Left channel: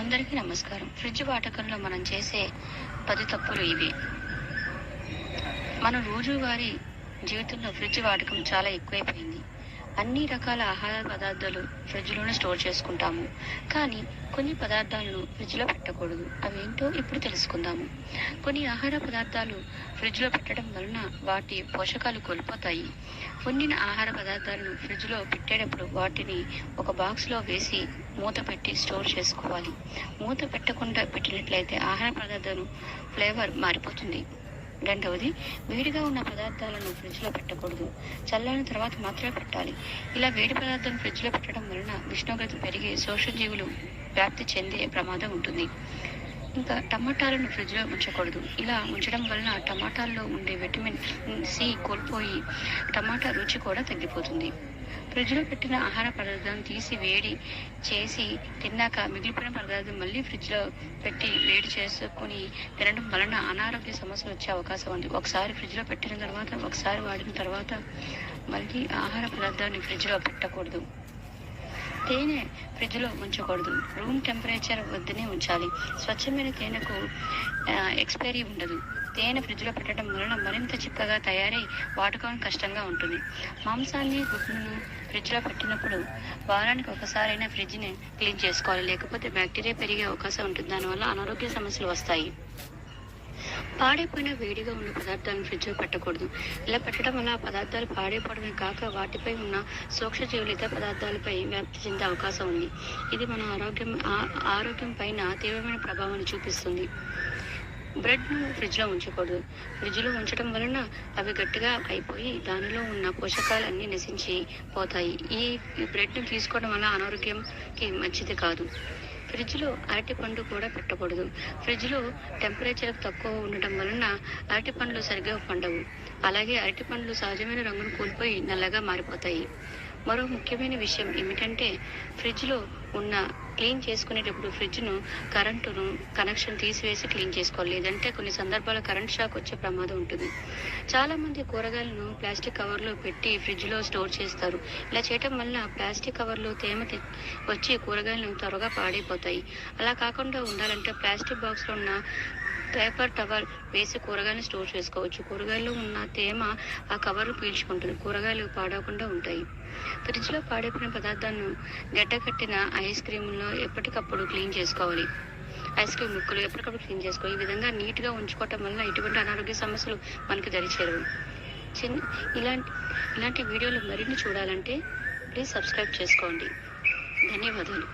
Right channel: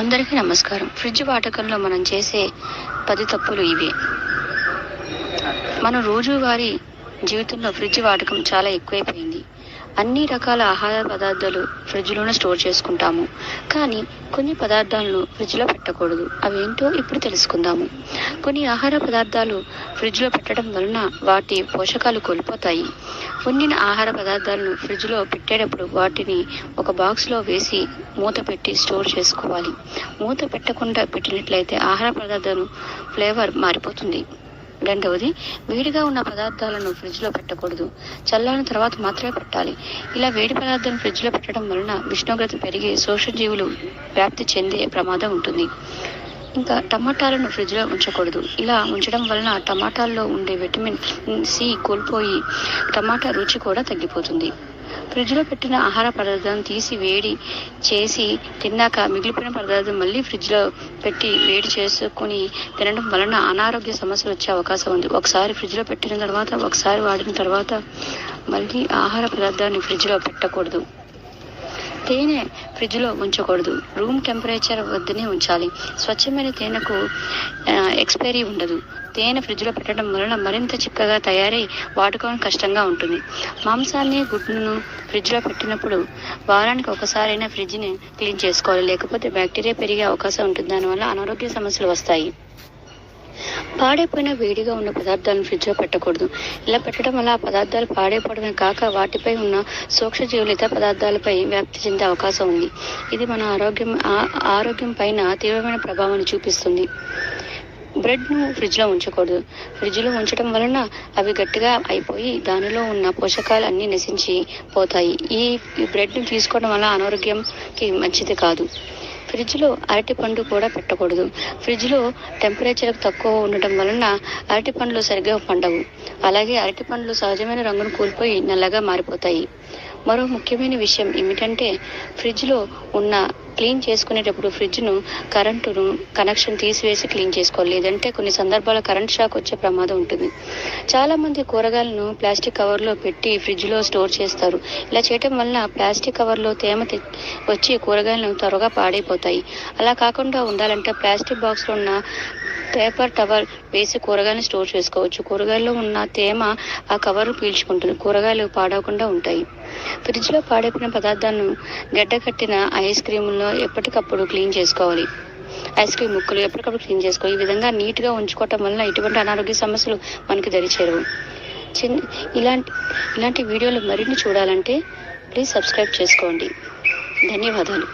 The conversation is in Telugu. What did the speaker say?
అందరికీ నమస్కారం. ఫ్రిడ్జ్ వాడకంలో మనం చేసే 10 తప్పులు ఇవే. మన రోజువారీ జీవితంలో ఫ్రిడ్జ్ వాడకం చాలా ఎక్కువైపోయింది. అన్ని రకాల ఆహార పదార్థాలు ఫ్రిడ్జ్లోనే స్టోర్ చేసుకుంటాము. కానీ కొన్ని పదార్థాలను ఫ్రిడ్జ్లో పెట్టకూడదు. అవేంటో ఇప్పుడు తెలుసుకుందాము. కొన్ని ఆహార పదార్థాలు ఫ్రిడ్జ్లో పెట్టడం వలన వాటి పోషకాలు కోల్పోతాయి. వండిన ఆహార పదార్థాలను ఫ్రిడ్జ్లో పెట్టేటప్పుడు వాటిని ఒక బాక్స్లో వేసి మూత పెట్టి స్టోర్ చేసుకోవాలి. మూత పెట్టకుండా పెట్టినట్లయితే ఆహార పదార్థాలు ఫ్లేవర్ మారిపోతుంది. రెండవది, వేడిగా ఉన్న పదార్థాలను ఫ్రిడ్జ్లో పెట్టకూడదు. చల్లారిన తర్వాత మాత్రమే పెట్టాలి. ఇలా వేడి పదార్థాలను ఫ్రిడ్జ్లో పెట్టడం వలన ఉష్ణోగ్రత పెరిగి సూక్ష్మజీవులు వ్యాప్తి చెందే ప్రమాదం ఉంటుంది. ఇంకా టమాటాలను ఫ్రిడ్జ్లో ఉంచకూడదు. ఇలా ఉంచడం వలన టమాటాల్లో ఉండే విటమిన్ సి కోల్పోయి టమాటా రుచి కూడా తగ్గిపోతుంది. ఫ్రిడ్జ్లో పెట్టిన ఆహార పదార్థాలను తీసి వేడి చేసి తిన్నాక మిగిలిపోయిన పదార్థం మళ్ళీ ఫ్రిడ్జ్లో పెట్టి వేడి చేసుకుని తినడం వలన అనారోగ్య సమస్యలు వచ్చే అవకాశం ఉంది. ఒకసారి ఫ్రిడ్జ్లో పెట్టిన తర్వాత ఒకసారి వాడిన తర్వాత మళ్ళీ ఆహార పదార్థాన్ని ఫ్రిడ్జ్లో పెట్టకూడదు. తేనె ఫ్రిడ్జ్లో ఉంచకూడదు. రూమ్ టెంపరేచర్ వద్దనే ఉంచాలి. స్వచ్ఛమైన తేనెకు ఎక్స్పైరీ ఉండదు. తేనె ఫ్రిడ్జ్లో పెట్టడం వలన మరింత చిక్కగా తయారై వాడుకోవడం కష్టంగా ఉంటుంది. మాంసాన్ని గుడ్డును ఫ్రిడ్జ్లో పెట్టినప్పుడు వారానికి ఒకసారైనా ఫ్రిడ్జ్ని క్లీన్ చేసుకోవాలి. లేకపోతే బ్యాక్టీరియా పెరిగే అవకాశం ఉంటుంది. దానివల్ల అనారోగ్య సమస్యలు వస్తాయి. పాడైపోయిన వేడిగా ఉన్న పదార్థాలను ఫ్రిడ్జ్లో పెట్టకూడదు. ఇలా పెట్టడం వల్ల ఆ పదార్థాలు పాడైపోవడమే కాక వాటిపై ఉన్న సూక్ష్మజీవులు ఇతర పదార్థాలపై వ్యాప్తి చెందే అవకాశం ఉంది. ఇది మన ఆరోగ్యం పైన తీవ్రమైన ప్రభావాన్ని చూపిస్తుంది. బ్రెడ్ను ఫ్రిడ్జ్లో ఉంచకూడదు. ఫ్రిడ్జ్లో ఉంచడం వలన అవి గట్టిగా అయిపోయి దానిలో ఉన్న పోషకాలు అన్నీ నశించి పోతాయి. ఈ బ్రెడ్ను తీసుకోవడం వల్ల అనారోగ్యంకి మంచిది కాదు. ఫ్రిడ్జ్లో అరటిపండు కూడా పెట్టకూడదు. ఫ్రిడ్జ్లో టెంపరేచర్ తక్కువ ఉండటం వలన అరటిపండ్లు సరిగ్గా పండవు. అలాగే అరటిపండ్లు సహజమైన రంగును కోల్పోయి నల్లగా మారిపోతాయి. మరో ముఖ్యమైన విషయం ఏమిటంటే ఫ్రిడ్జ్లో ఉన్న క్లీన్ చేసుకునేటప్పుడు ఫ్రిడ్జ్ను కరెంటును కనెక్షన్ తీసివేసి క్లీన్ చేసుకోవాలి. లేదంటే కొన్ని సందర్భాల్లో కరెంట్ షాక్ వచ్చే ప్రమాదం ఉంటుంది. చాలా మంది కూరగాయలను ప్లాస్టిక్ కవర్లో పెట్టి ఫ్రిడ్జ్లో స్టోర్ చేస్తారు. ఇలా చేయటం వలన ప్లాస్టిక్ కవర్లో తేమ వచ్చి కూరగాయలను త్వరగా పాడైపోతాయి. అలా కాకుండా ఉండాలంటే ప్లాస్టిక్ బాక్స్లో ఉన్న పేపర్ టవల్ వేసి కూరగాయలను స్టోర్ చేసుకోవచ్చు. కూరగాయల్లో ఉన్న తేమ ఆ కవర్ పీల్చుకుంటుంది. కూరగాయలు పాడవకుండా ఉంటాయి. ఫ్రిడ్జ్లో పాడైపోయిన పదార్థాలను గడ్డకట్టిన ఐస్ క్రీముల్లో ఎప్పటికప్పుడు క్లీన్ చేసుకోవాలి. ఐస్ క్రీమ్ ముక్కలు ఎప్పటికప్పుడు క్లీన్ చేసుకోవాలి. ఈ విధంగా నీట్గా ఉంచుకోవటం వలన ఎటువంటి అనారోగ్య సమస్యలు మనకి దరిచేరవు. ఇలాంటి వీడియోలు మరిన్ని చూడాలంటే ప్లీజ్ సబ్స్క్రైబ్ చేసుకోండి. ధన్యవాదాలు.